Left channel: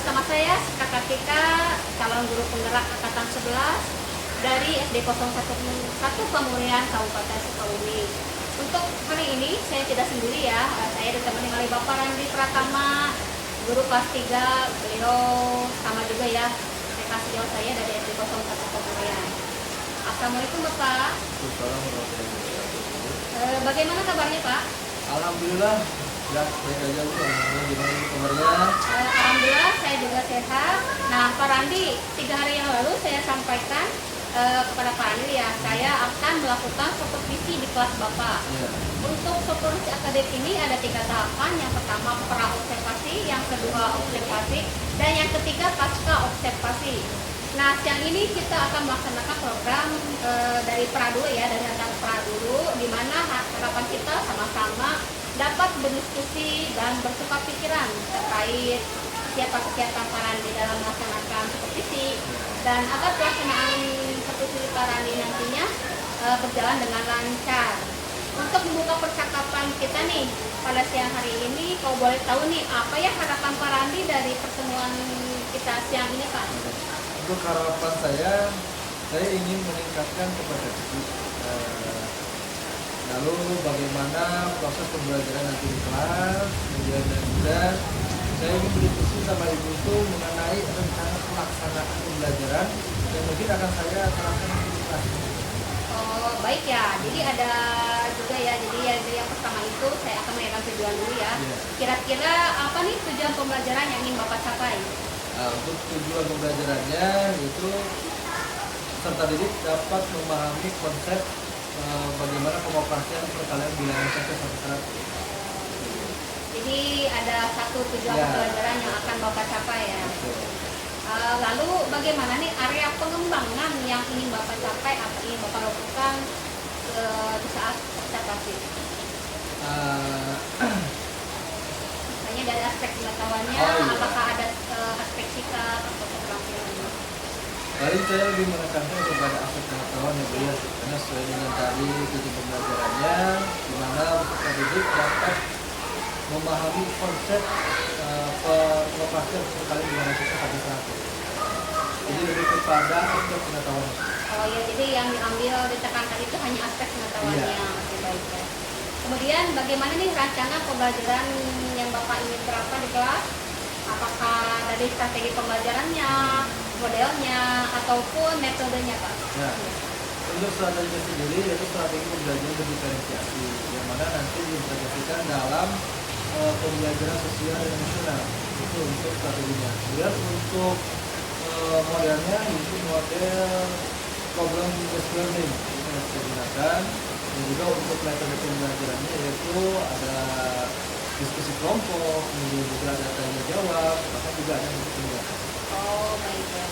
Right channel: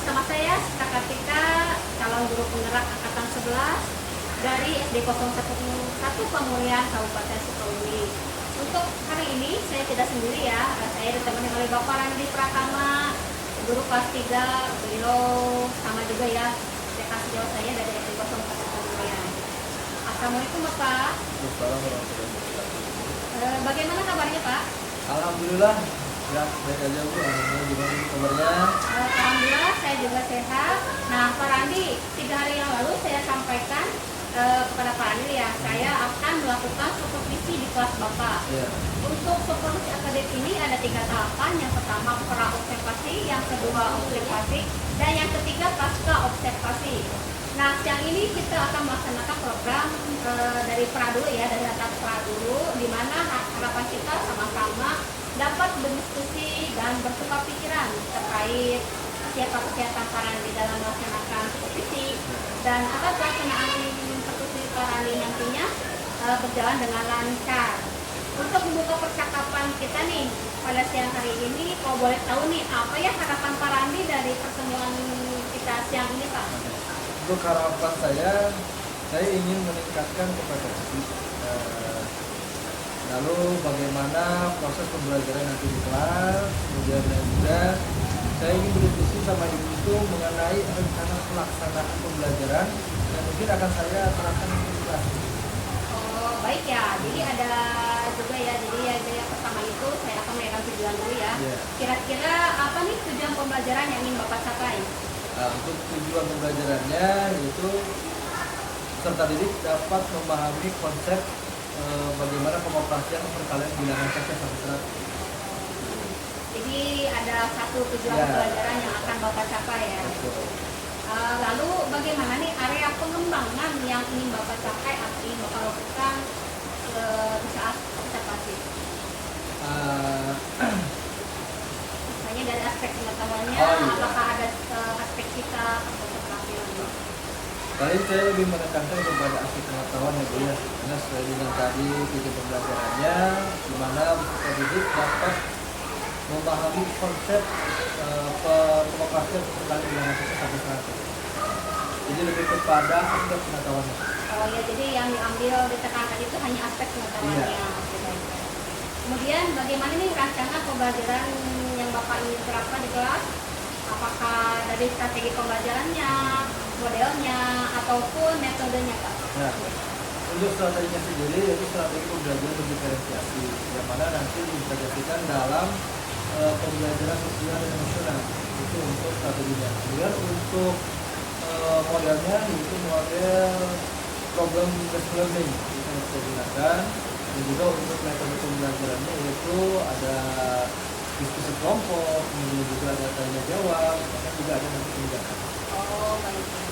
bersama saya Kak Kartika, calon guru penggerak angkatan 11 dari SD 011 Pamurian Kabupaten Sukabumi. Untuk hari ini saya tidak sendiri ya, saya ditemani oleh Bapak Randi Pratama, guru kelas 3. Beliau sama juga ya, TK sejauh saya dari SD 01 Pamurian. Assalamualaikum Bapak. Assalamualaikum warahmatullahi wabarakatuh. Bagaimana kabarnya Pak? Alhamdulillah, ya baik aja Bu. Alhamdulillah, gimana Bu kabarnya? Alhamdulillah saya juga sehat. Nah Pak Randi, 3 hari yang lalu saya sampaikan kepada Pak Randi ya, saya akan melakukan supervisi di kelas Bapak. Iya. Untuk supervisi akademik ini ada 3 tahapan. Yang pertama pra observasi, yang kedua observasi, dan yang ketiga pasca observasi. Nah, siang ini kita akan melaksanakan program dari pra dulu ya, dari atas pra dulu, di mana harapan kita sama-sama dapat berdiskusi dan bertukar pikiran terkait siapa kegiatan Pak Randi dalam melaksanakan supervisi, dan agar pelaksanaan supervisi Pak Randi nantinya berjalan dengan lancar. Untuk membuka percakapan kita nih pada siang hari ini, kalau boleh tahu nih, apa ya harapan Pak Randi dari pertemuan kita siang ini Pak? Untuk harapan saya ingin meningkatkan kompetensi. Lalu bagaimana proses pembelajaran nanti di kelas, kemudian dan juga saya ingin berdiskusi sama Ibu itu mengenai rencana pelaksanaan pembelajaran yang mungkin akan saya terapkan di kelas. Oh baik ya, jadi ada juga ya, jadi yang pertama itu saya akan menanyakan tujuan dulu ya. Yeah. Kira-kira apa nih tujuan pembelajaran yang ingin Bapak capai? Untuk tujuan pembelajarannya yaitu peserta didik dapat memahami konsep bagaimana pengoperasian perkalian bilangan cacat sampai 100. Jadi ada satu tujuan Ya. pembelajaran yang akan Bapak capai ya. Betul. Lalu bagaimana nih area pengembangan yang ingin Bapak capai atau ingin Bapak lakukan di saat observasi? Misalnya dari aspek pengetahuannya, Oh, iya. apakah ada aspek sikap atau keterampilan? Paling saya lebih menekankan kepada aspek pengetahuan ya Bu ya, karena sesuai dengan tadi tujuan pembelajarannya, di mana peserta didik dapat memahami konsep pengoperasian perkalian bilangan cacat sampai 100. Jadi lebih kepada aspek pengetahuannya. Oh ya, jadi yang diambil ditekankan itu hanya aspek pengetahuannya. Iya. Oke, baik ya. Kemudian bagaimana nih rencana pembelajaran yang Bapak ingin terapkan di kelas? Apakah dari strategi pembelajarannya, modelnya, ataupun metodenya Pak? Ya. Untuk strateginya sendiri yaitu strategi pembelajaran berdiferensiasi, yang mana nanti diimplementasikan dalam pembelajaran sosial dan emosional. Itu untuk strateginya. Kemudian untuk modelnya itu model problem based learning itu yang kita gunakan, dan juga untuk metode pembelajarannya yaitu ada diskusi kelompok, kemudian juga ada tanya jawab, bahkan juga ada nanti penindakan. Oh baik ya.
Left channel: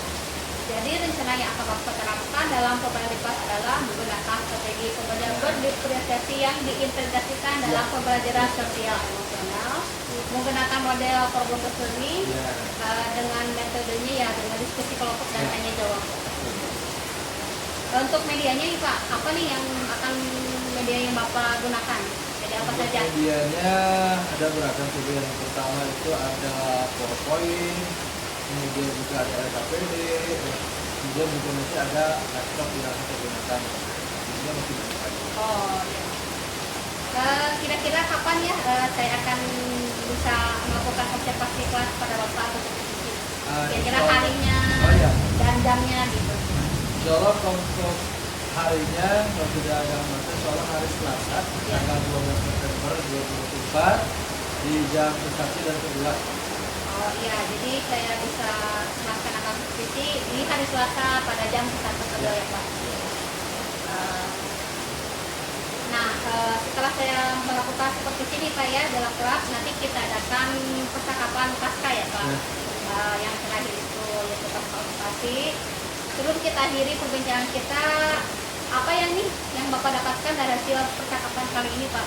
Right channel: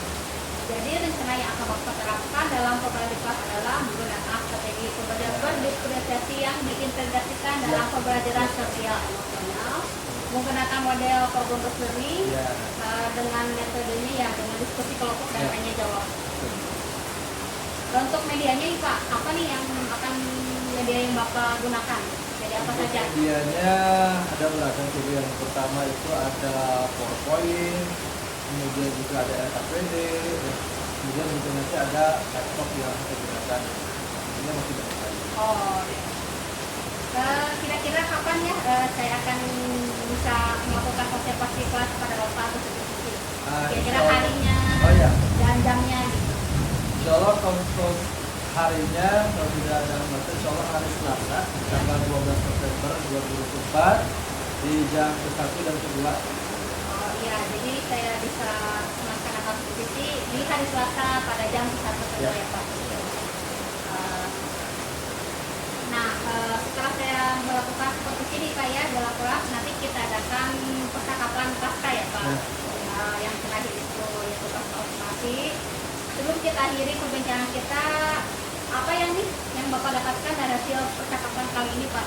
Jadi rencana yang akan Bapak terapkan dalam pembelajaran di kelas adalah menggunakan strategi pembelajaran berdiferensiasi yang diintegrasikan dalam pembelajaran sosial emosional, menggunakan model problem based learning Ya. dengan metodenya ya dengan diskusi kelompok dan Ya. tanya jawab. Betul. Untuk medianya nih Pak, apa nih yang akan media yang Bapak gunakan? Jadi apa Untuk saja? medianya ada beragam tuh. Yang pertama itu ada PowerPoint, kemudian juga ada LKPD, kemudian juga nanti ada laptop yang saya gunakan. Ini masih banyak lagi. Oh ya. Kira-kira kapan ya saya akan bisa melakukan observasi kelas pada Bapak atau supervisi? Kira-kira harinya Oh ya, dan jamnya gitu. insya Allah untuk harinya kalau tidak ada hambatan, insya Allah hari Selasa tanggal 12 September 2024 di jam ke-1 dan ke-2. Oh iya, jadi saya bisa melaksanakan supervisi ini hari Selasa pada jam 1 Ya. ya Pak. Nah, setelah saya melakukan supervisi nih Pak ya dalam kelas, nanti kita adakan percakapan pasca ya Pak. Ya. Yang terakhir itu yaitu pasca observasi. Terus kita akhiri perbincangan kita, apa yang nih yang Bapak dapatkan dari hasil percakapan kali ini Pak?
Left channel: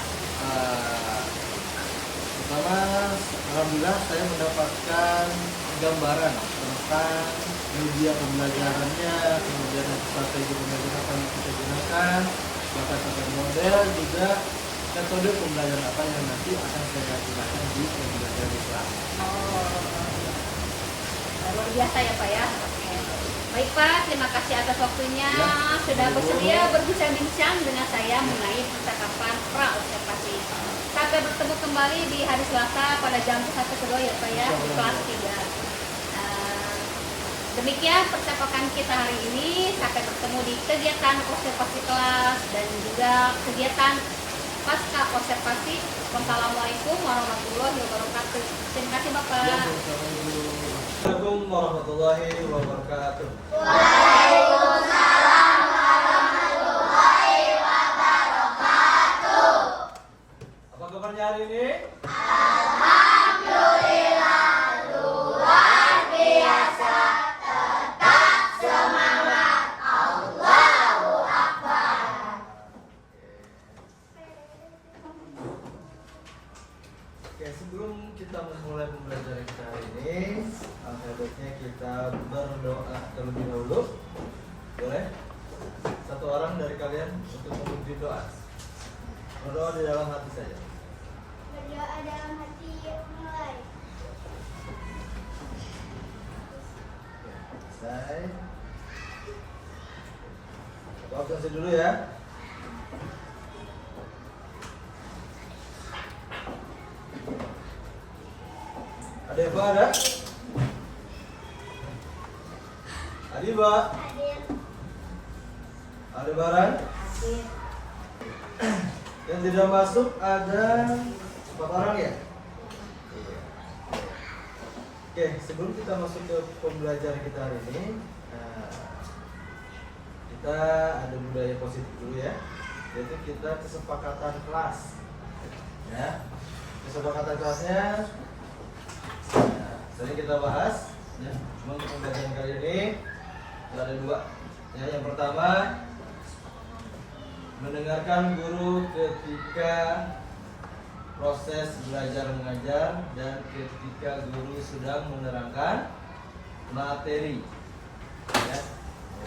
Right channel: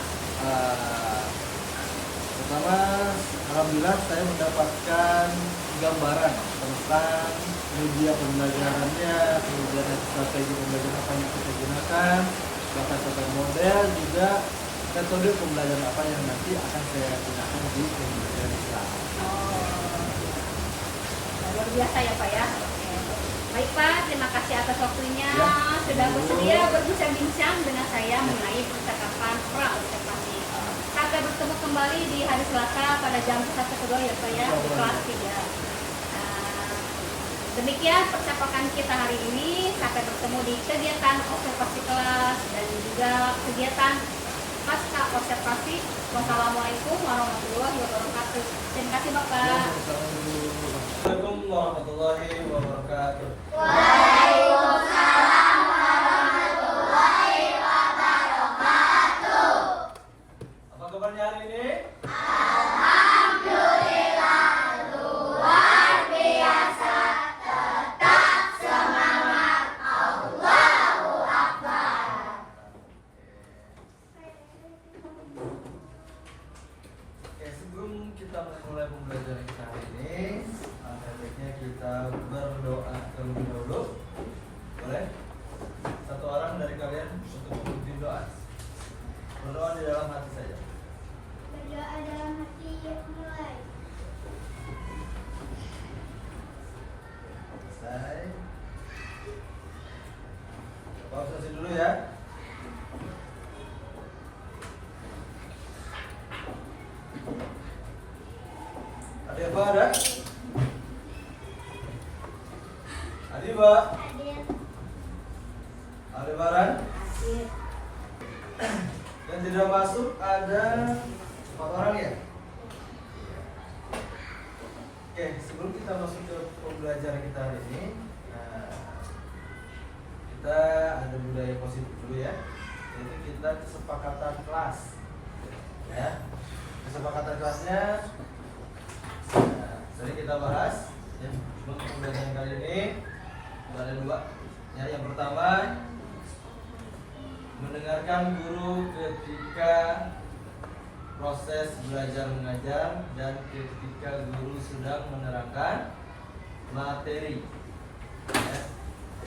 Pertama, alhamdulillah saya mendapatkan gambaran tentang media pembelajarannya, kemudian strategi pembelajaran apa yang kita gunakan, bahkan sampai model juga metode pembelajaran apa yang nanti akan saya gunakan di pembelajaran di kelas. Oh, biasa ya Pak ya. Oke. Baik Pak, terima kasih atas waktunya Ya. sudah bersedia berbincang-bincang dengan saya mengenai percakapan pra-observasi. Sampai bertemu kembali di hari Selasa pada jam 1 kedua ya Pak ya, di kelas 3. Demikian percakapan kita hari ini. Sampai bertemu di kegiatan observasi kelas dan juga kegiatan pasca observasi. Wassalamualaikum warahmatullahi wabarakatuh. Terima kasih Bapak. Assalamualaikum warahmatullahi wabarakatuh. Apa kabarnya hari ini? Oke, sebelum kita memulai pembelajaran kita hari ini, ada baiknya kita berdoa terlebih dahulu. Boleh? Satu orang dari kalian untuk memimpin doa. Berdoa di dalam hati saja. Berdoa dalam hati mulai. Selesai. Konsentrasi dulu ya. Ada yang ada? Ada Mbak? Ada barang? Yang tidak masuk ada 4 orang ya? Oke, sebelum kita masuk ke pembelajaran kita hari ini, kita ada budaya positif dulu ya, yaitu kita kesepakatan kelas. Ya, kesepakatan kelasnya sering kita bahas. Ya, cuma pembelajaran kali ini ada 2. Ya, yang pertama mendengarkan guru ketika proses belajar mengajar dan ketika guru sedang menerangkan materi. Ya.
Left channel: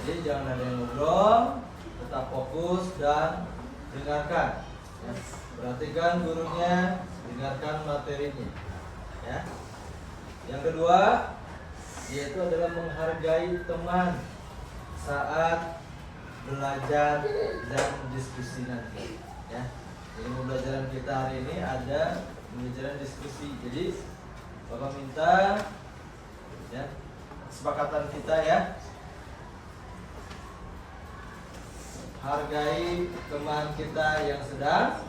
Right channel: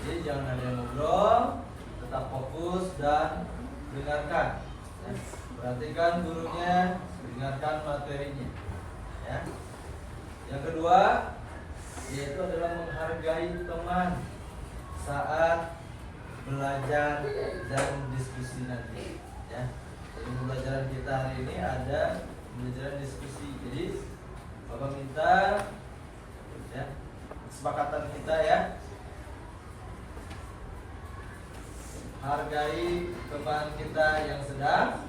Jadi jangan ada yang ngobrol, tetap fokus dan dengarkan. Ya. Perhatikan gurunya, dengarkan materinya. Ya. Yang kedua yaitu adalah menghargai teman saat belajar dan diskusi nanti. Ya. Jadi pembelajaran kita hari ini ada pembelajaran diskusi. Jadi Bapak minta ya, kesepakatan kita ya, hargai teman kita yang sedang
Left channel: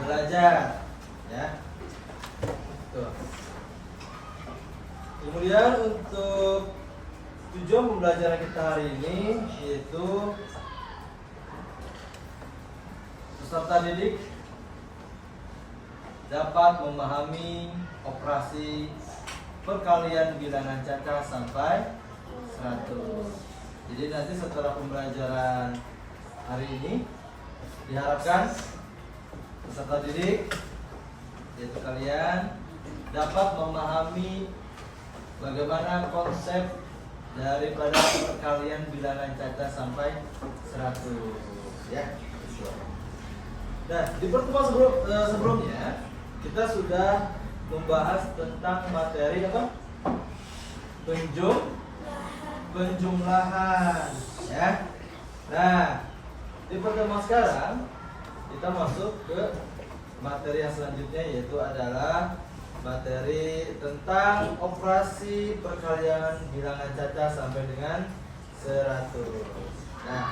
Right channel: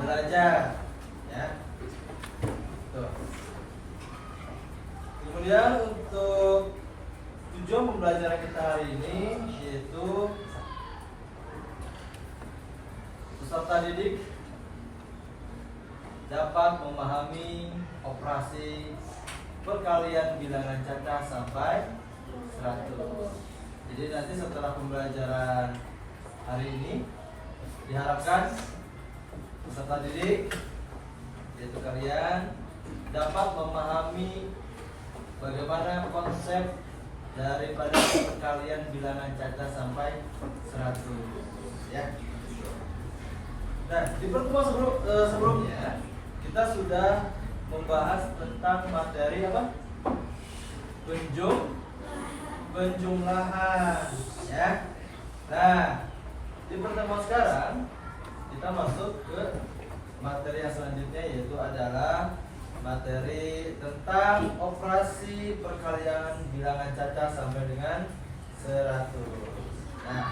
belajar ya. Tuh. Kemudian untuk tujuan pembelajaran kita hari ini yaitu peserta didik dapat memahami operasi perkalian bilangan cacah sampai 100. Jadi nanti setelah pembelajaran hari ini diharapkan peserta didik yaitu kalian dapat memahami bagaimana konsep daripada perkalian bilangan cacah sampai 100 ya. Nah, di pertemuan sebelumnya kita sudah membahas tentang materi apa? Penjumlahan ya. Nah, di pertemuan sekarang kita masuk ke materi yang selanjutnya yaitu adalah materi tentang operasi perkalian bilangan cacah sampai dengan 100. Nah,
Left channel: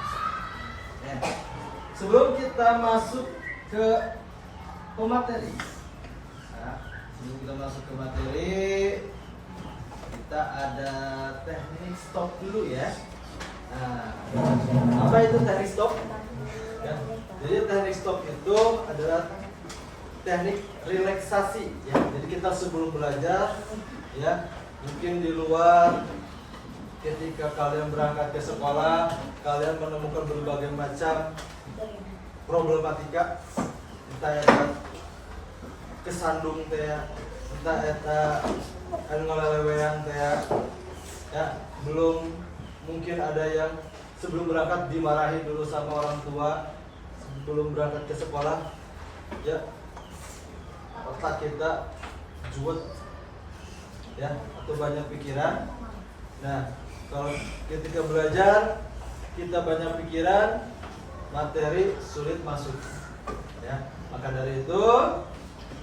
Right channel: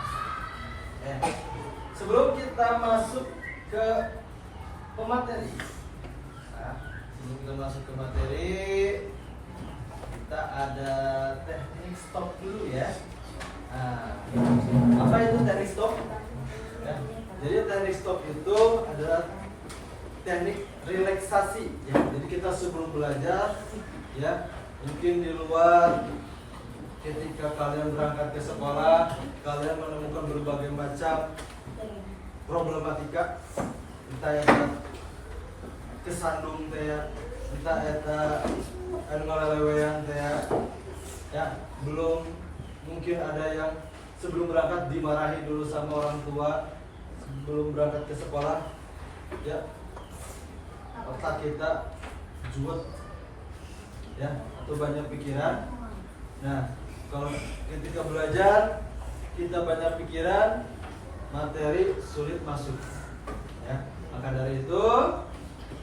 sebelum kita masuk ke materi, kita ada teknik stop dulu ya. Nah, apa itu teknik stop? Ya, jadi teknik stop itu adalah teknik relaksasi ya. Jadi kita sebelum belajar ya, mungkin di luar ketika kalian berangkat ke sekolah kalian menemukan berbagai macam problematika, entah eta kesandung teh, entah eta anu ngalelewean teh ya, belum mungkin ada yang sebelum berangkat dimarahi dulu sama orang tua sebelum berangkat ke sekolah ya, otak kita juet ya, atau banyak pikiran. Nah, kalau ketika belajar kita banyak pikiran, materi sulit masuk, ya. Maka dari itu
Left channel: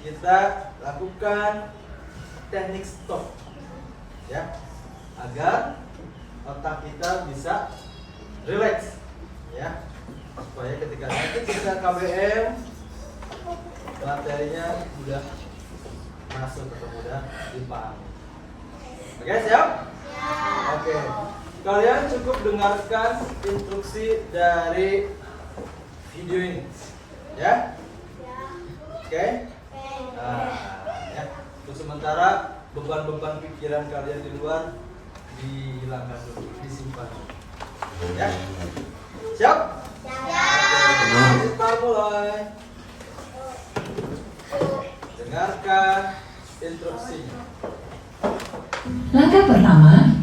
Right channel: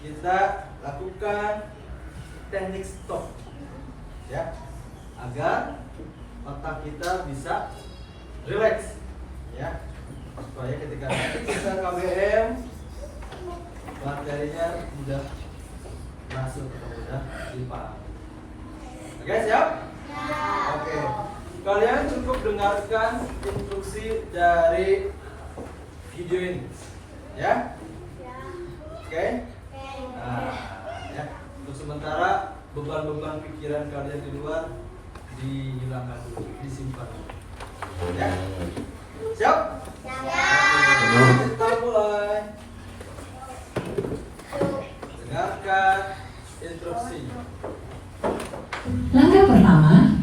kita lakukan teknik stop, ya, agar otak kita bisa rileks, ya, supaya ketika nanti kita KBM materinya sudah masuk atau mudah dipahami. Oke, siap? Oke, kalian cukup dengarkan instruksi dari video ini, ya? Oke? Nah, ya. Untuk sementara beban-beban pikiran kalian di luar dihilangkan dulu, disimpan dulu. Ya? Siap? Oke, kita mulai. Dengarkan instruksinya. Langkah pertama,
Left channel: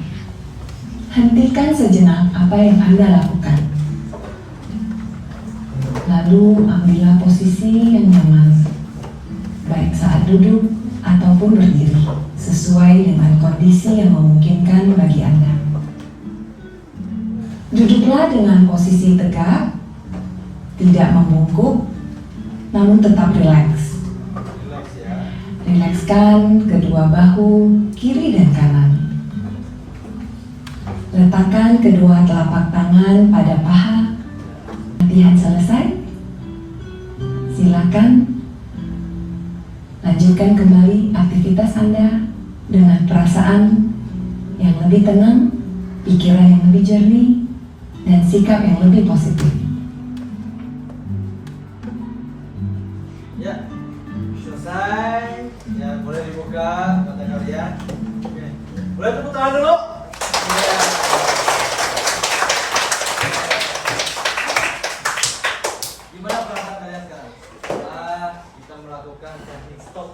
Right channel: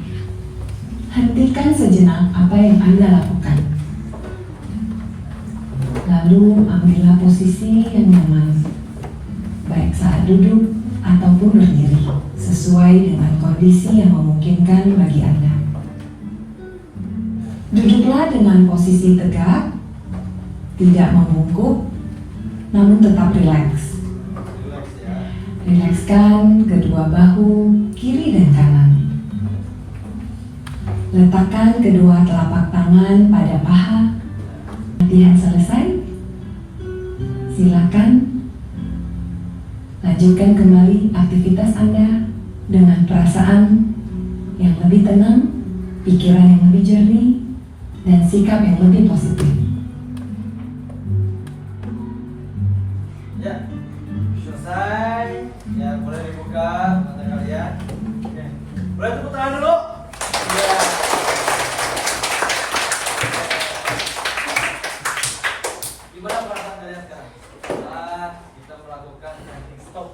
hentikan sejenak apa yang Anda lakukan. Lalu ambillah posisi yang nyaman, baik saat duduk ataupun berdiri, sesuai dengan kondisi yang memungkinkan bagi Anda. Duduklah dengan posisi tegak, tidak membungkuk, namun tetap rileks. Rilekskan kedua bahu, kiri dan kanan. Letakkan kedua telapak tangan pada paha. Latihan selesai. Silakan lanjutkan kembali aktivitas Anda dengan perasaan yang lebih tenang, pikiran yang lebih jernih, dan sikap yang lebih positif. Ya, selesai. Ya, boleh dibuka mata kalian. Oke. Boleh tepuk tangan dulu. Ya. Gimana perasaan kalian sekarang? Kita melakukan teknik stop.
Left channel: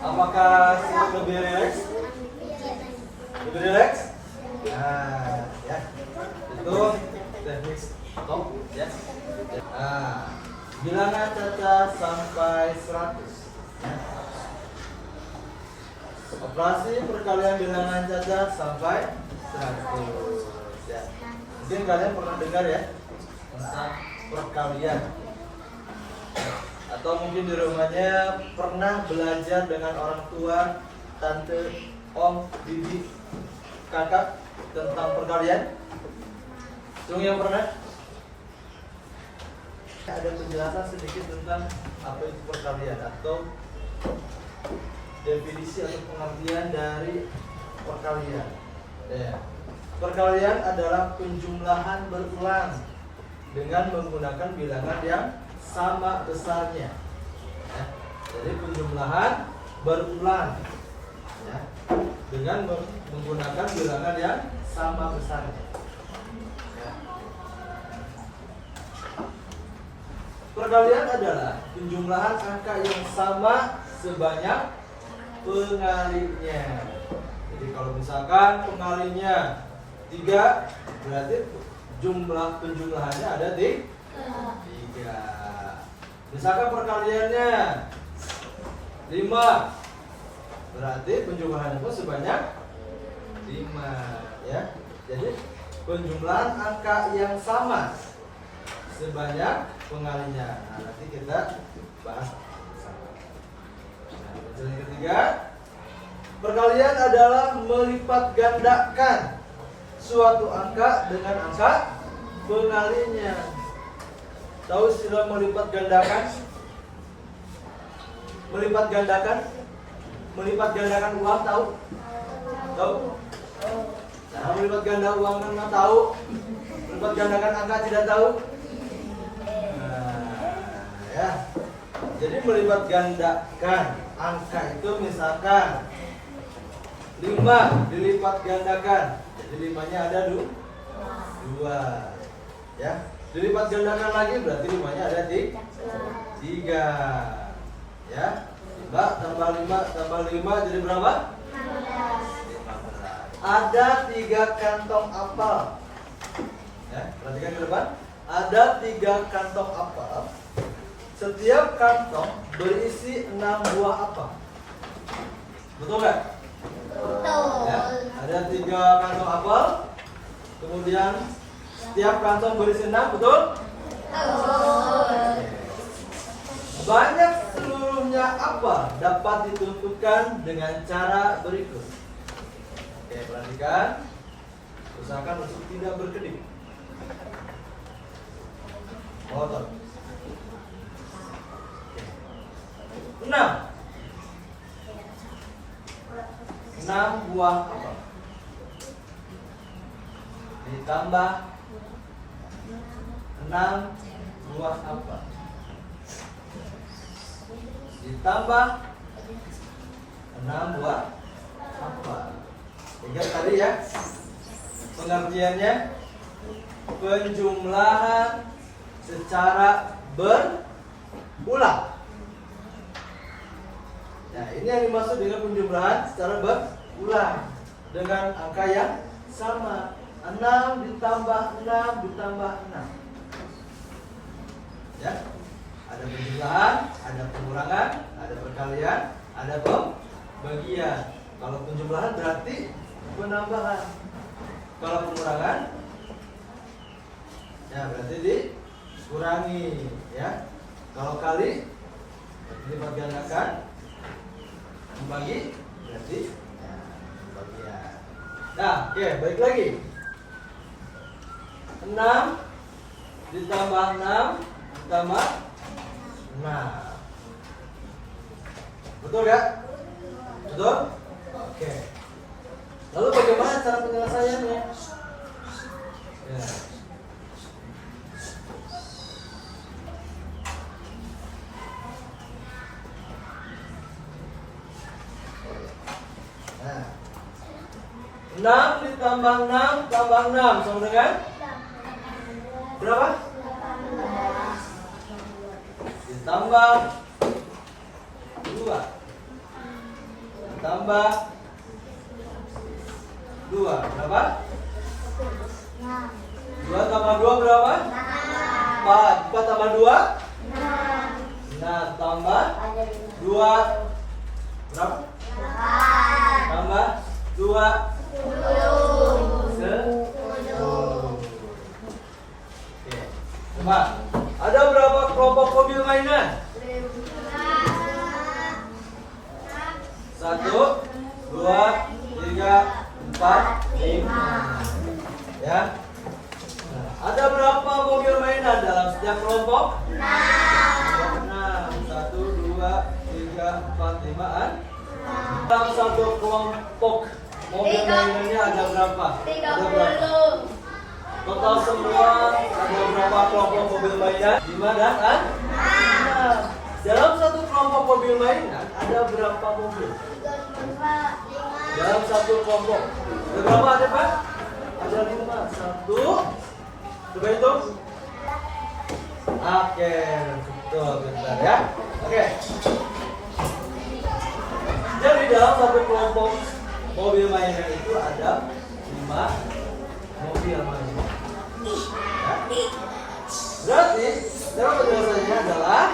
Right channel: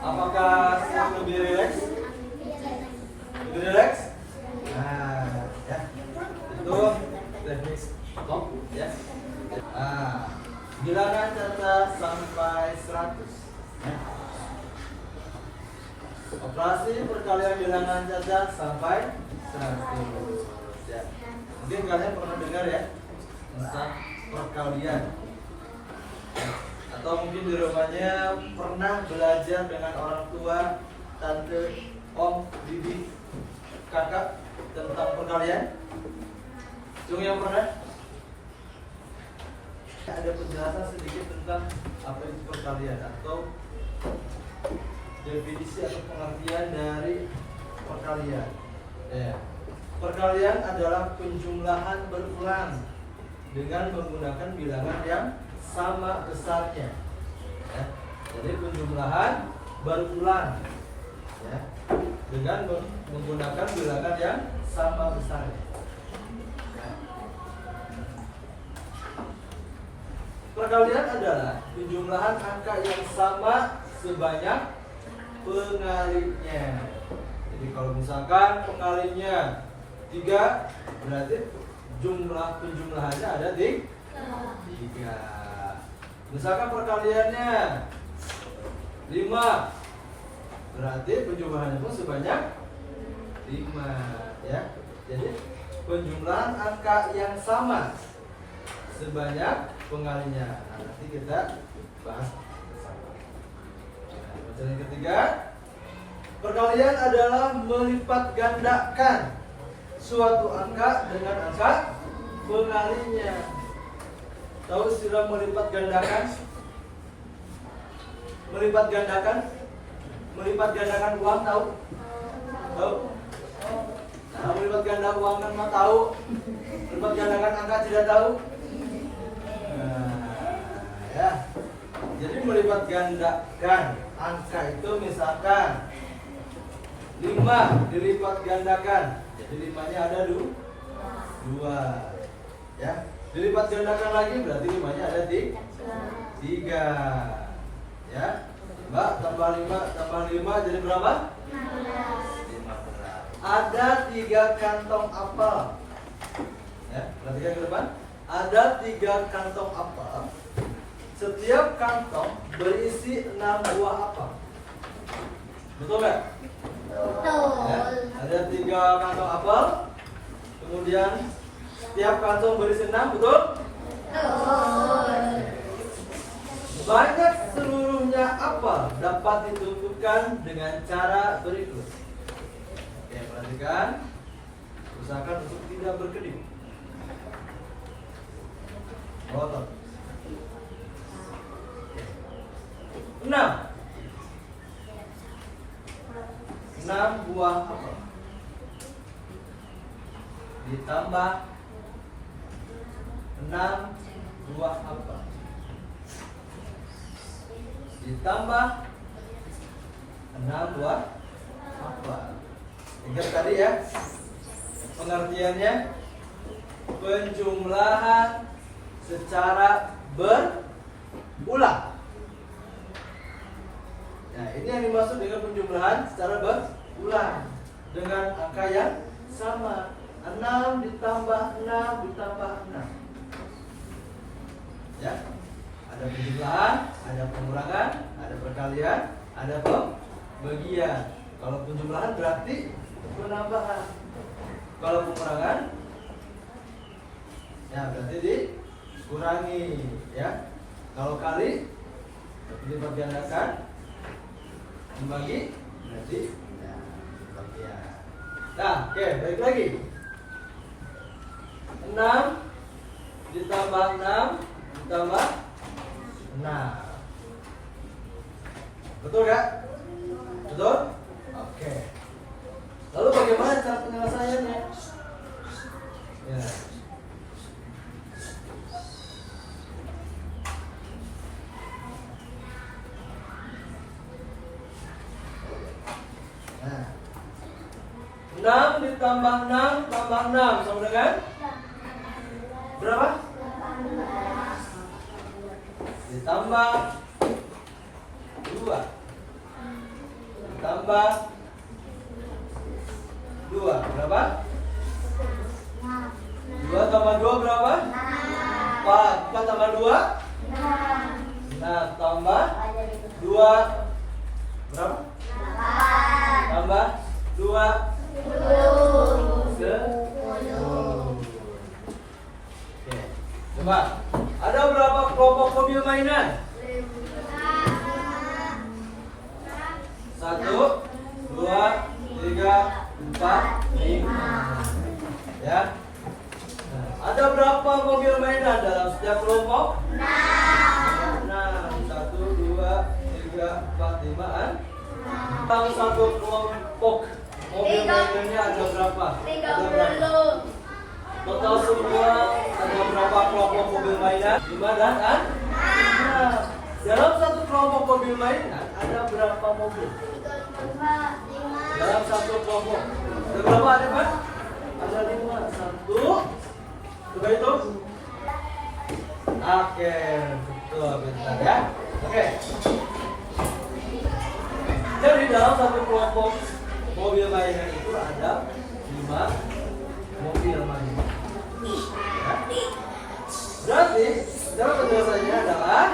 Apakah lebih rileks? Lebih rileks? Nah, ya. Itu teknik stop, ya. Nah, bilangan caca sampai 100. Operasi perkalian bilangan caca sampai 100. Ya. Mungkin kalian pernah dengar ya tentang perkalian, atau mungkin di rumahnya pernah belajar dengan orang tua, tante, om, bibi, kakak tentang perkalian. Tunggu yang pernah? Ada penjelasan sedikit tentang apa itu perkalian atau definisi atau pengertian dari perkalian. Ya. Perkalian adalah penjumlahan berulang dengan menggunakan bilangan yang sama besarnya. Ya. Jadi penjumlahan berulang, ya, dengan menggunakan bilangan yang sama besarnya. Perkalian adalah penjumlahan angka yang sama sebanyak pengalinya. Jadi kalau misalkan pengalinya 3, berarti jumlah penjumlahannya ada di 3. Misalkan perkaliannya 5, berarti penjumlahannya pun sebanyak 5, ya. Jadi penjumlahan angka yang sama sebanyak pengalinya. Nah, nanti kita bahas bersama. Nah, yang ketiga, perkalian adalah melipat gandakan suatu angka dengan angka pengalinya. Tahu istilah melipat gandakan? Melipat gandakan? Melipat gandakan uang, tahu? Tahu? Nah, melipat ganda uang kan mah tahu. Melipat gandakan angka tidak tahu. Ya. Jadi melipat gandakan angka itu misalkan 5 dilipat gandakan. Jadi 5-nya ada 2. Ya. Dilipat gandakan lagi berarti 5-nya ada 3. Ya. 5 tambah 5 tambah 5 jadi berapa? 15. Ada 3 kantong apel. Ya, perhatikan ke depan. Ada 3 kantong apel. Setiap kantong berisi 6 buah apel. Betul nggak? Betul. Ya. Ada 3 kantong apel. Kemudian setiap kantong berisi 6, betul? Betul. Banyak seluruhnya apa dapat ditentukan dengan cara berikut. Oke, perhatikan. Usahakan untuk tidak berkedip. Otot. 6 buah apel. Ditambah 6 buah apel. Ditambah 6 buah apel. Ingat tadi ya, pengertiannya penjumlahan secara berulang. Nah, ini yang dimaksud dengan penjumlahan secara berulang dengan angka yang sama. 6 ditambah 6 ditambah 6. Ya. Ada penjumlahan, ada pengurangan, ada perkalian, ada pembagian. Kalau penjumlahan berarti penambahan. Kalau pengurangan, ya berarti dikurangi, ya. Kalau kali dilipat gandakan, membagi berarti pembagian. Nah, oke, balik lagi. 6 ditambah 6 ditambah 6. Betul nggak? Betul? Oke. Lalu bagaimana cara penyelesaiannya? Ya. Nah. 6 ditambah 6 tambah 6 sama dengan berapa? Ditambah 2 ditambah 2 berapa? 2 tambah 2 berapa? 4 tambah 2? 6 tambah 2 berapa? Tambah 2 10. Oke. Coba, ada berapa kelompok mobil mainan? 1, 2, 3, 4, 5. Ya. Nah, ada berapa mobil mainan dalam setiap kelompok? 6. 1, 2, 3, 4, 5 an. Dalam satu kelompok mobil mainannya ada berapa? Ada berapa? Total semua ada berapa kelompok mobil mainan? 5 dan 6. Dalam satu kelompok mobil mainan ada berapa mobil? Dalam satu kelompok ada berapa? Ada Pak? Ada 5. 1. Coba hitung. Oke, betul, betul ya. Oke. Jadi dalam satu kelompok mobil mainan itu ada 5 mobil mainan. Ya. Berarti cara penjelasannya adalah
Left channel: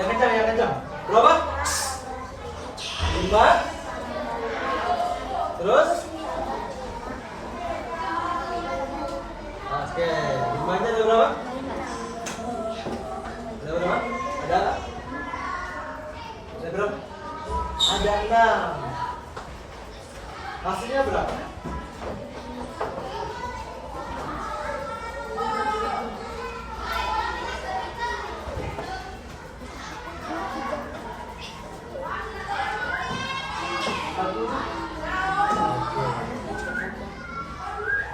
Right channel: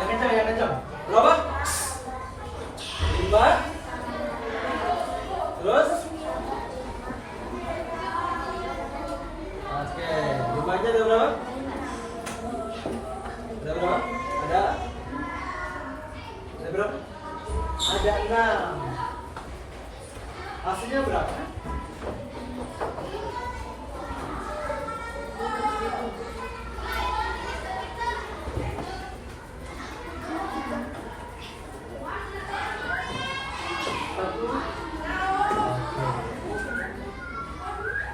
yang kencang. Berapa? 5. Terus? Oke, 5-nya ada berapa? Ada berapa? Ada berapa? Ada 6. Hasilnya berapa?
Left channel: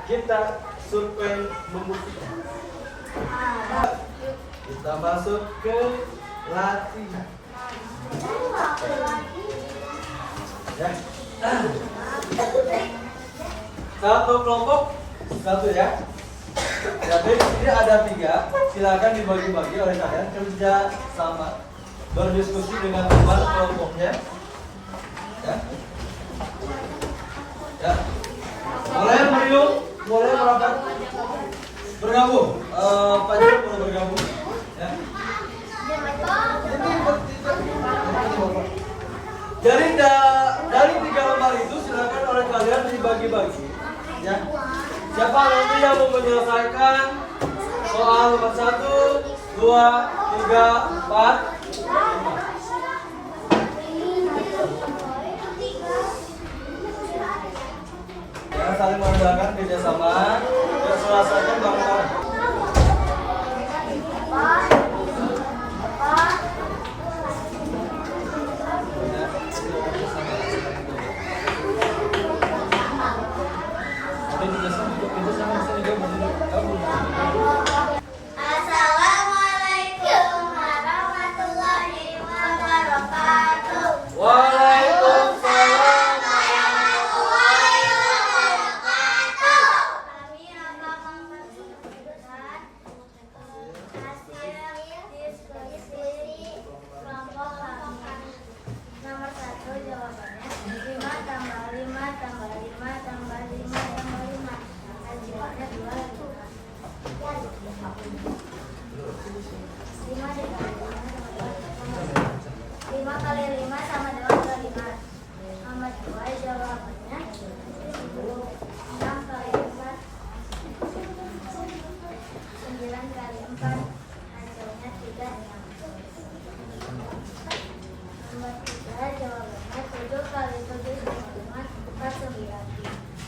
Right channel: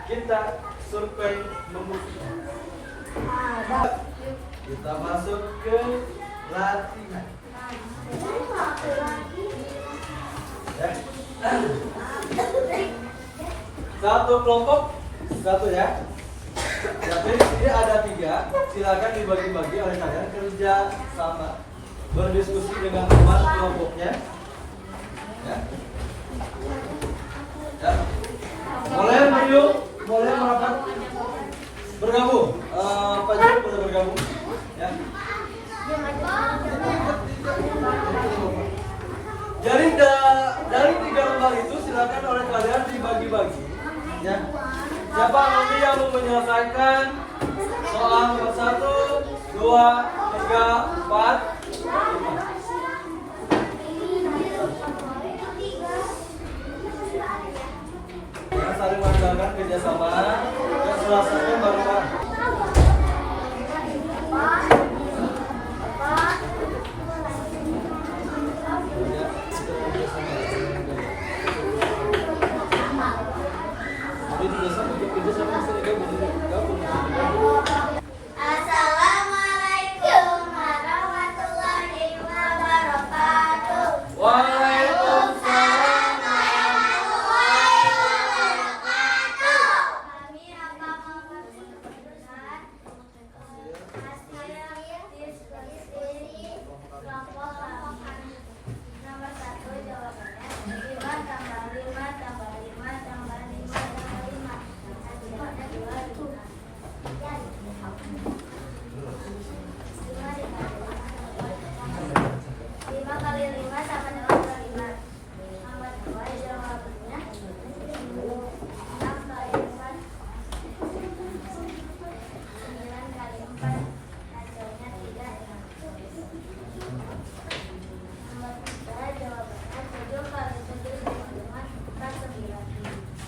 Kita survei membuktikan. Kita masuk ke latihan. Ya. Satu kelompok, satu ya. Tapi dia ada 3. Silakan dibagi-bagi oleh kalian kerja sama, berdiskusi dengan teman kelompoknya. Ya. Ya. Mulai Mario, mulai merapat bergabung. Pak Jero boleh bergabung. Ya. Ini bertiga. Jadi dari 3 lembar itu silakan oleh kalian dibagi-bagi. Ya. Siapa nanti yang mau menyelesaikan soal nomor 1, 2, 3, 4, 5. Ya, saling mengandalkan kerjasama dan selesaikan bareng-bareng. Assalamualaikum warahmatullahi wabarakatuh. Waalaikumsalam. Warahmatullahi wabarakatuh. Kami akan mempersiapkan hasil diskusi kelompok kami. Nomor 1 jawabannya 5 tambah 5 tambah 5 tambah 5 tambah 5. Hasilnya 2. 5 kali 5 sama dengan 5. Nomor 2 jawabannya 6 kali 4 9 kali 4 hasilnya 3. Nomor 3 jawabannya 7 kali 7 sama dengan 49.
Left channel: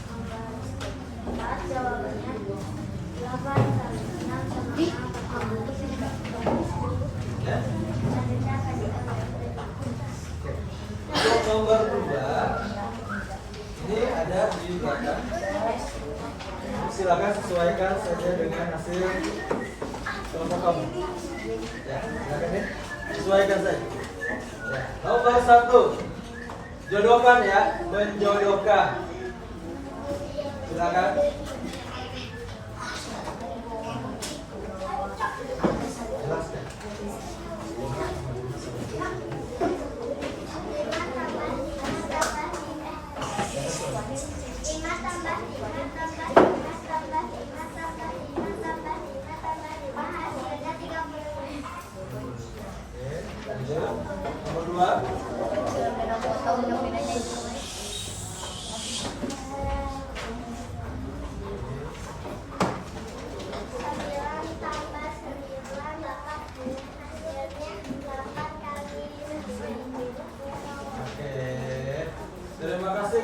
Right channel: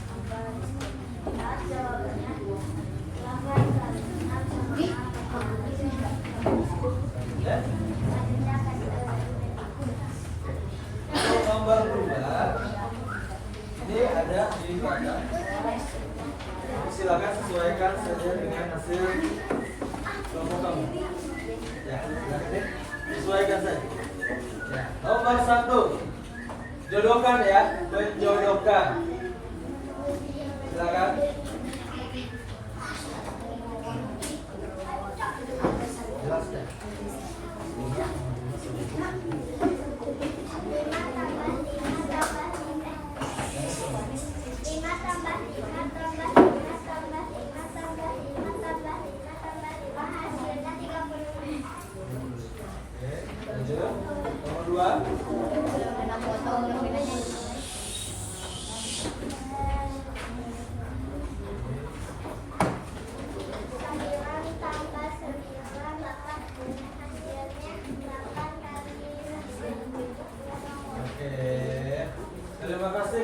Nomor 4 jawabannya 8 kali 6 sama dengan 49. Ya. Hasilnya akan dibagi. Untuk nomor 2 ini ada di belakang. Silakan sesuaikan saja dengan hasil kelompok kamu. Ya, silakan ya. Sesuaikan saja. Ya. Nomor 1 jodohkan ya, menjodohkan. Silakan. Jelaskan.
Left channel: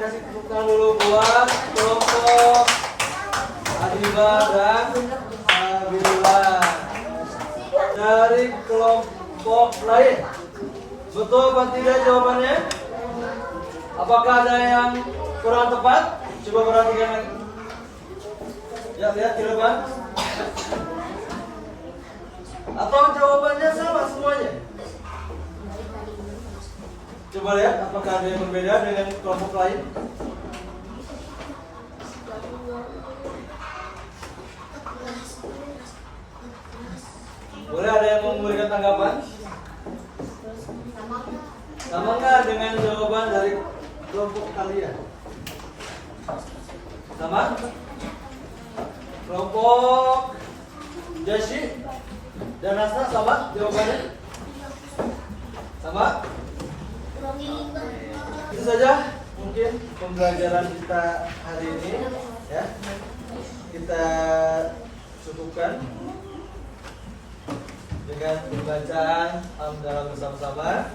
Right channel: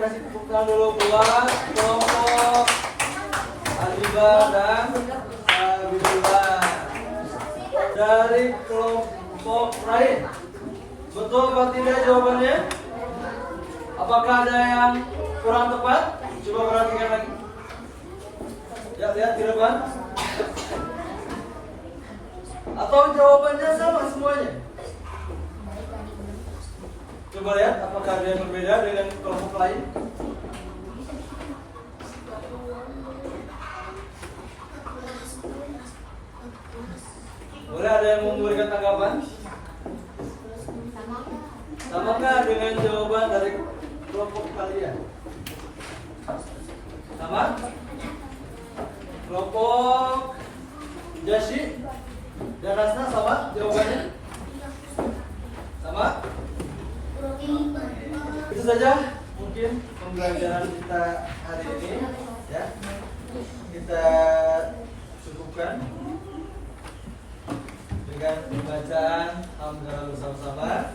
'Tepuk dulu buat kelompok Arriba dan Alhamdulillah. Dari kelompok lain, betul apa tidak jawabannya? Apakah ada yang kurang tepat? Coba perhatikan lagi. Ya, lihat ke depan. Atau jawabannya sama semuanya? Coba lihat apakah ada yang berbeda dengan kelompok lain. Boleh ada yang mau memberikan tanggapan? Samakah dengan jawaban dari kelompok kalian? Sama? Kelompok Jashi dan Hasna sama jawabannya? Sama? Itu saja mungkin pembelajaran kita hari ini ya. Kita cukupkan dengan pembacaan hamdalah bersama-sama.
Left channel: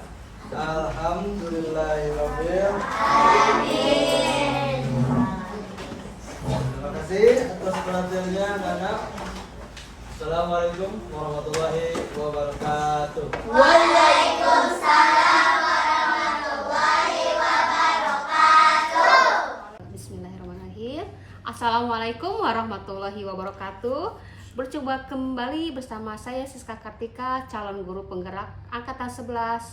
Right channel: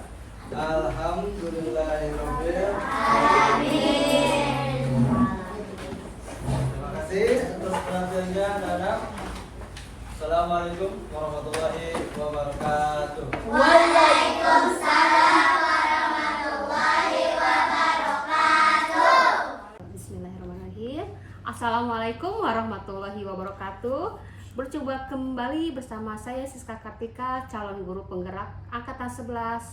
Alhamdulillahirabbil alamin. Terima kasih atas perhatiannya anak-anak. Assalamualaikum warahmatullahi wabarakatuh. Waalaikumsalam warahmatullahi wabarakatuh. Bismillahirrahmanirrahim. Assalamualaikum warahmatullahi wabarakatuh. Berjumpa kembali bersama saya Siska Kartika, calon guru penggerak angkatan 11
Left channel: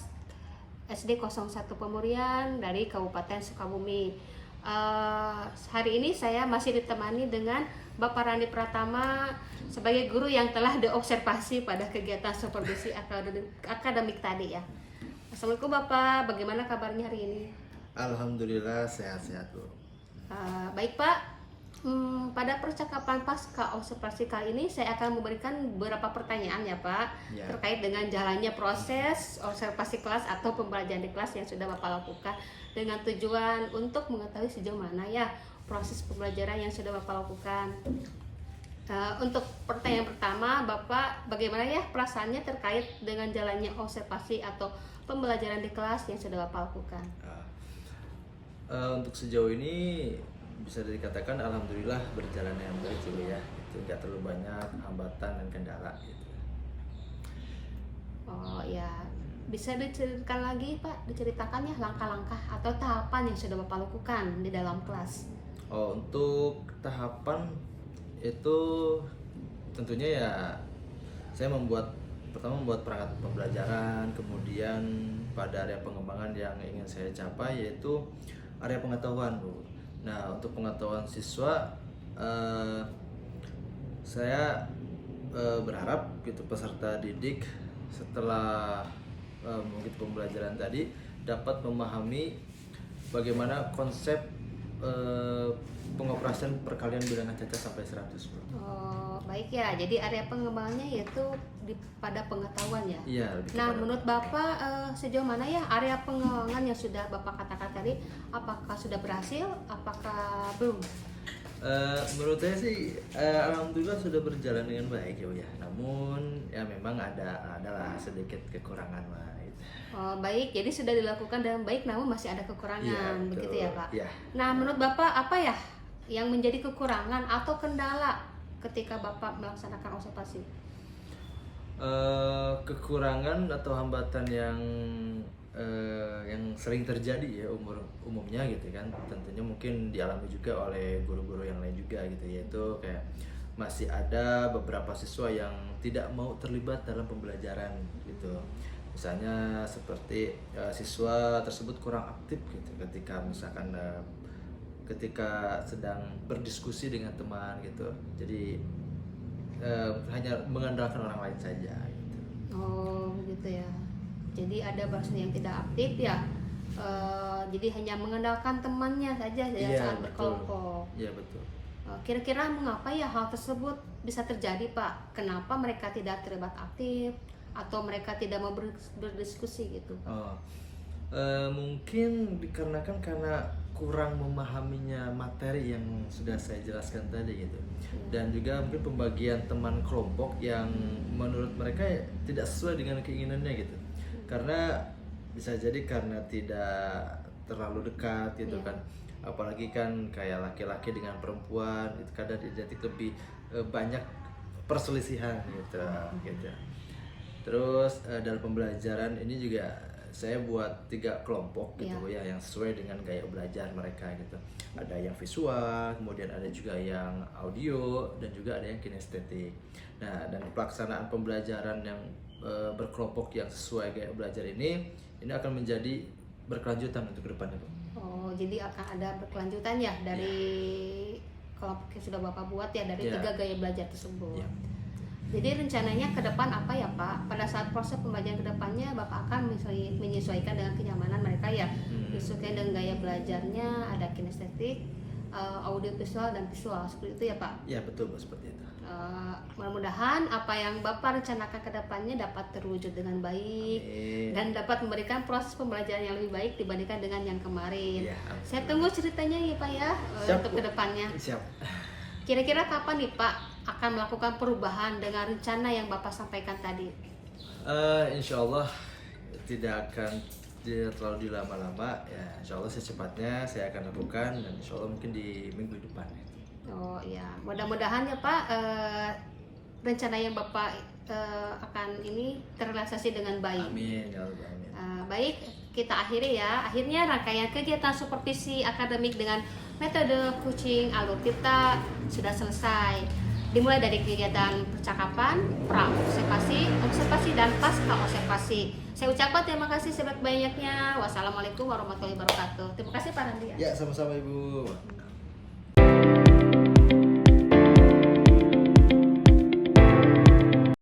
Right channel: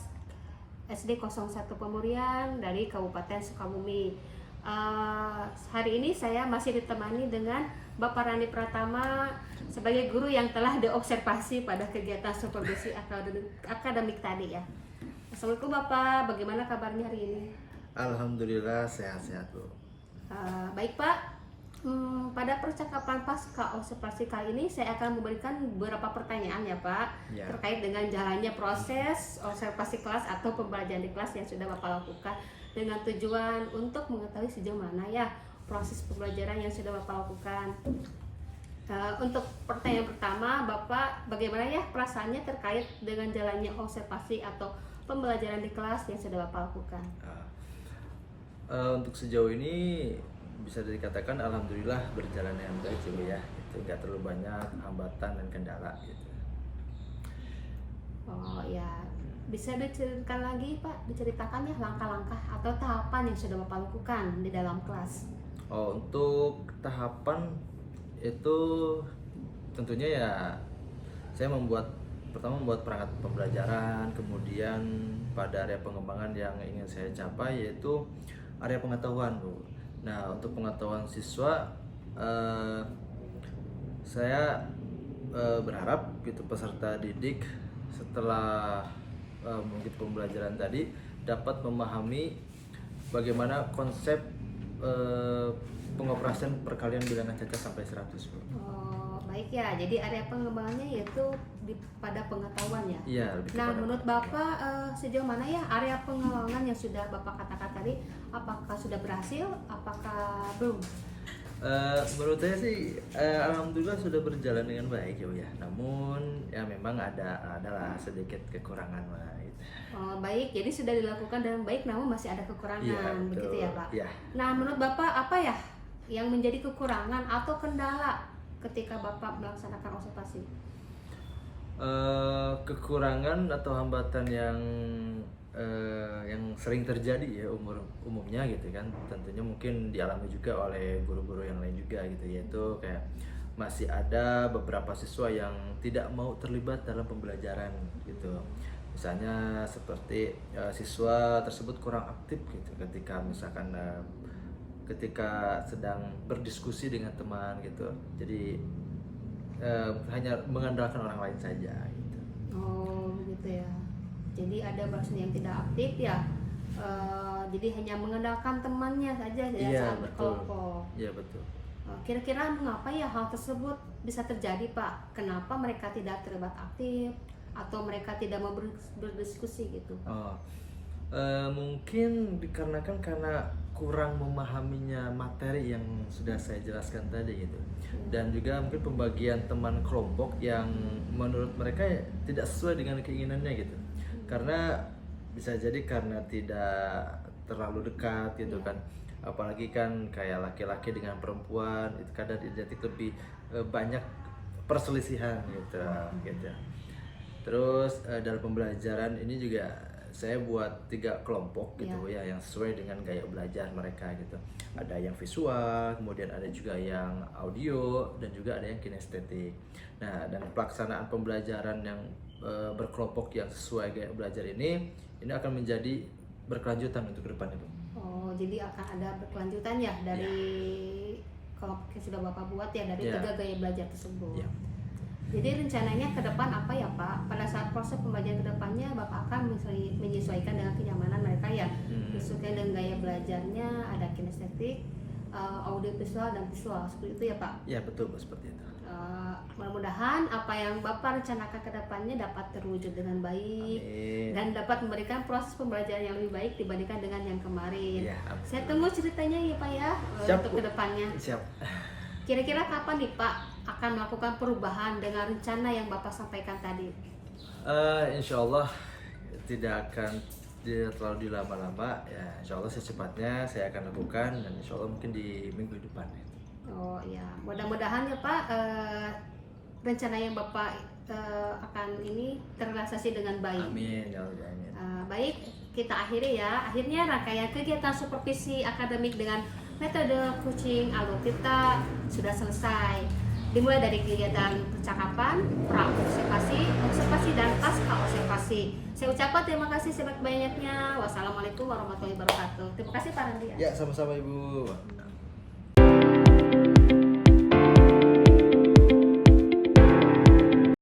SD 01 Pemurian dari Kabupaten Sukabumi. Hari ini saya masih ditemani dengan Bapak Randi Pratama sebagai guru yang telah diobservasi pada kegiatan supervisi akademik tadi ya. Assalamualaikum Bapak, bagaimana kabarnya hari ini? Alhamdulillah sehat-sehat Bu. Baik Pak, Pada percakapan pasca observasi kali ini saya akan memberikan beberapa pertanyaan ya Pak, Ya. terkait dengan jalannya proses observasi kelas atau pembelajaran di kelas yang sudah Bapak lakukan, dengan tujuan untuk mengetahui sejauh mana ya proses pembelajaran yang sudah Bapak lakukan. Untuk pertanyaan pertama, Bapak bagaimana ya perasaannya terkait dengan jalannya observasi atau pembelajaran di kelas yang sudah Bapak lakukan? Untuk sejauh ini bisa dikatakan alhamdulillah berjalan dengan baik Ibu ya. Itu nggak terlalu banyak hambatan dan kendala gitu. Oh ya, bisa diceritakan lagi Pak, diceritakan ya langkah-langkah atau tahapan yang sudah Bapak lakukan di dalam kelas. Oh, untuk tahapan itu tentunya ya saya pertama membuat perangkat pembelajaran, kemudian pada area pengembangan yang ingin saya capai yaitu area pengetahuan Bu. Nah, untuk pengetahuan siswa saya berharap gitu peserta didik setelah mungkin pembelajaran tadi dapat memahami bagaimana konsep pengoperasian perkalian bilangan cacat sampai 100 Bu. Oh, baik ya. Jadi area pengembangannya yaitu pada pengetahuan ya. Iya, lebih Nah, kepada menurut Bapak sejauh mana ya area pengembangan yang sudah Bapak katakan tadi, apakah sudah berhasil, apakah belum? menurut saya sih alhamdulillah sudah berjalan dengan baik ya. Namun ya memang adalah sedikit kekurangan lah gitu. Oh, baik. Jadi sudah dilakukan dengan baik, namun masih ada kekurangan, Iya, betul. begitu ya Pak? Iya. Nah, menurut Bapak apa ya yang menjadi kekurangan atau kendala ketika Bapak melaksanakan observasi? Kekurangan atau hambatan yang sering terjadi ya umumnya gitu kan, tentunya mungkin dialami juga oleh guru-guru yang lain juga gitu, yaitu kayak masih ada beberapa siswa yang tidak mau terlibat dalam pembelajaran gitu. Misalnya seperti siswa tersebut kurang aktif gitu ketika misalkan ketika sedang berdiskusi dengan teman gitu, jadi hanya mengandalkan orang lain saja gitu. Oh, gitu ya. Jadi ada bahasa yang tidak aktif ya. Jadi hanya mengandalkan temannya saja ya Iya, saat betul. berkelompok. Iya betul. Kira-kira mengapa ya hal tersebut bisa terjadi Pak? Kenapa mereka tidak terlibat aktif atau mereka tidak mau berdiskusi gitu? Mungkin dikarenakan karena kurang memahaminya materi yang sudah saya jelaskan tadi gitu, dan juga mungkin pembagian teman kelompok yang menurut mereka tidak sesuai dengan keinginannya gitu, karena bisa jadi karena tidak terlalu dekat gitu kan, apalagi kan kayak laki-laki dengan perempuan itu kadang identik lebih banyak perselisihan gitu. Terus dalam pembelajaran ini juga saya buat 3 kelompok gitu ya, yang sesuai dengan gaya belajar mereka gitu. Ada yang visual, kemudian ada juga yang audio, dan juga ada yang kinestetik. Nah, dan pelaksanaan pembelajaran yang berkelompok yang sesuai gaya belajar ini akan menjadi berkelanjutan untuk kedepannya, Bu. Oh, jadi akan ada berkelanjutan ya dari kelompok yang sudah Bapak buat ya, dari 3 gaya belajar tersebut. Ya. Jadi rencananya ke depan apa ya Pak? Pada saat proses pembelajaran ke depannya Bapak akan menyesuaikan dengan kenyamanan mereka ya, menyesuaikan dengan gaya belajarnya, ada kinestetik, audio visual dan visual, seperti itu ya Pak? Ya betul Bu, seperti itu. Mudah-mudahan apa yang Bapak rencanakan ke depannya dapat terwujud dengan baik. Amin. Dan dapat memberikan proses pembelajaran yang lebih baik dibandingkan dengan yang kemarin. Ya, amin. Saya tunggu ceritanya ya Pak ya, Siap, untuk Bu. kedepannya. Siap. Kira-kira kapan nih Pak akan melakukan perubahan dengan rencana yang Bapak sampaikan tadi? Insya Allah tidak akan terlalu dilama-lama ya. Insya Allah secepatnya saya akan lakukan, dan insya Allah mungkin di minggu depan. Oh iya, mudah-mudahan ya Pak rencana yang Bapak akan ini terrealisasi dengan baik. Amin ya Allah, amin. Baik, kita akhiri ya. Akhirnya rangkaian kegiatan supervisi akademik dengan metode coaching alur kita sudah selesai. Dimulai dari kegiatan percakapan, pra-observasi, observasi, dan pasca observasi. Saya ucapkan terima kasih sebanyak-banyaknya. Wassalamualaikum warahmatullahi wabarakatuh. Terima kasih Pak Randi. Ya, sama-sama Ibu.